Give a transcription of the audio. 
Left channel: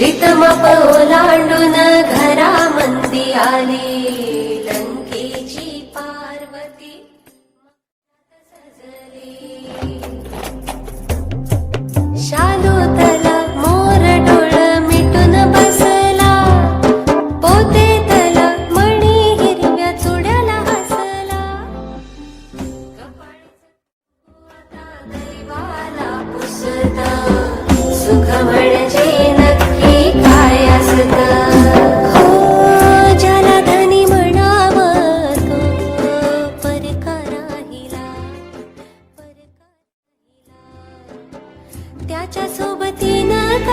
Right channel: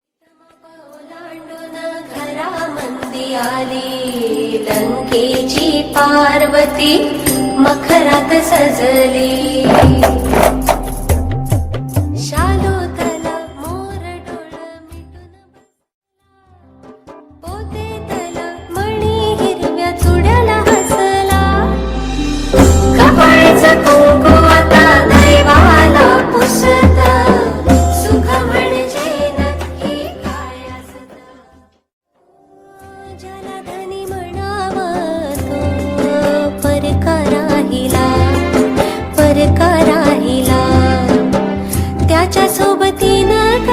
रितमाप ओलांडून घरामंदी आली, लंकेची पार्वती मखरात सजली. शालोतला मोर डोळ मिटून बसला, पोतेतला मणी हिरव्या चुड्याला हसला. कपाळचं कुंकू आता दैवाला पुसता, सुख म्हणजे नक्की काय असतं. हो ज्याला धनी म्हणावं तो परका राहिला, परका राहिला. त्याच्या सोबतीनं